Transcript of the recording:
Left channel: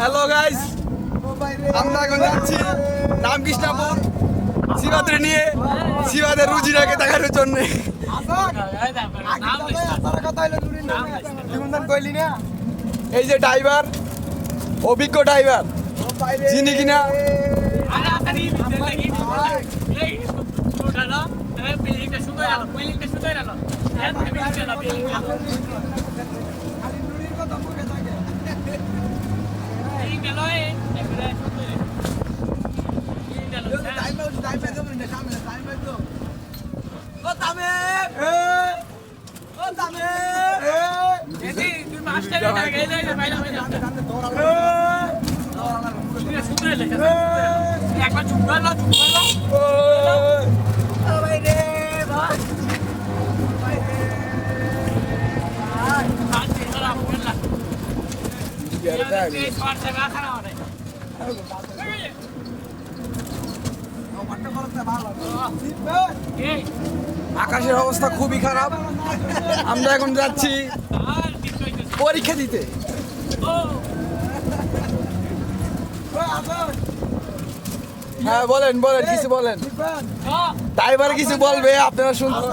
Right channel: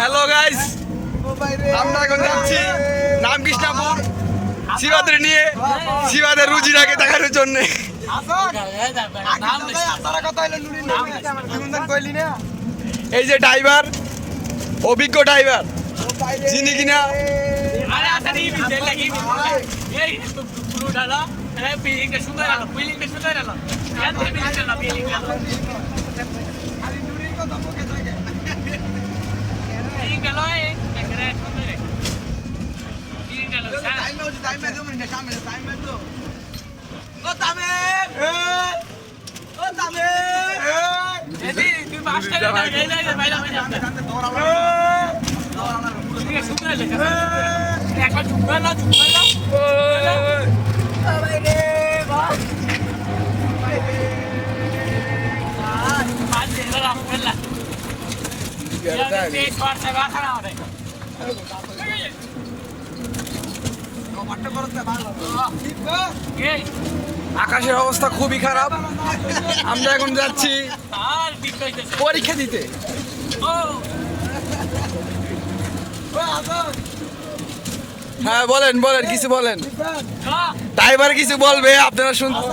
Hello guys, আমরা এখন যাচ্ছি রামকৃষ্ণপুর শিবাদের নিয়ে শিবাদের রুজিরাকে দেখানোর জন্য। এই যে ড্রাইভার, অভিজ্ঞ ড্রাইভার, যিনি কিনা আকাশের অবস্থা খুবই খারাপ। আমরা এখন যাচ্ছি পরীক্ষা দিতে। হ্যাঁ বলেন বলেন, কিছু বলেন। ড্রাইভার কিছু বলবে, আপনারা শুনতে।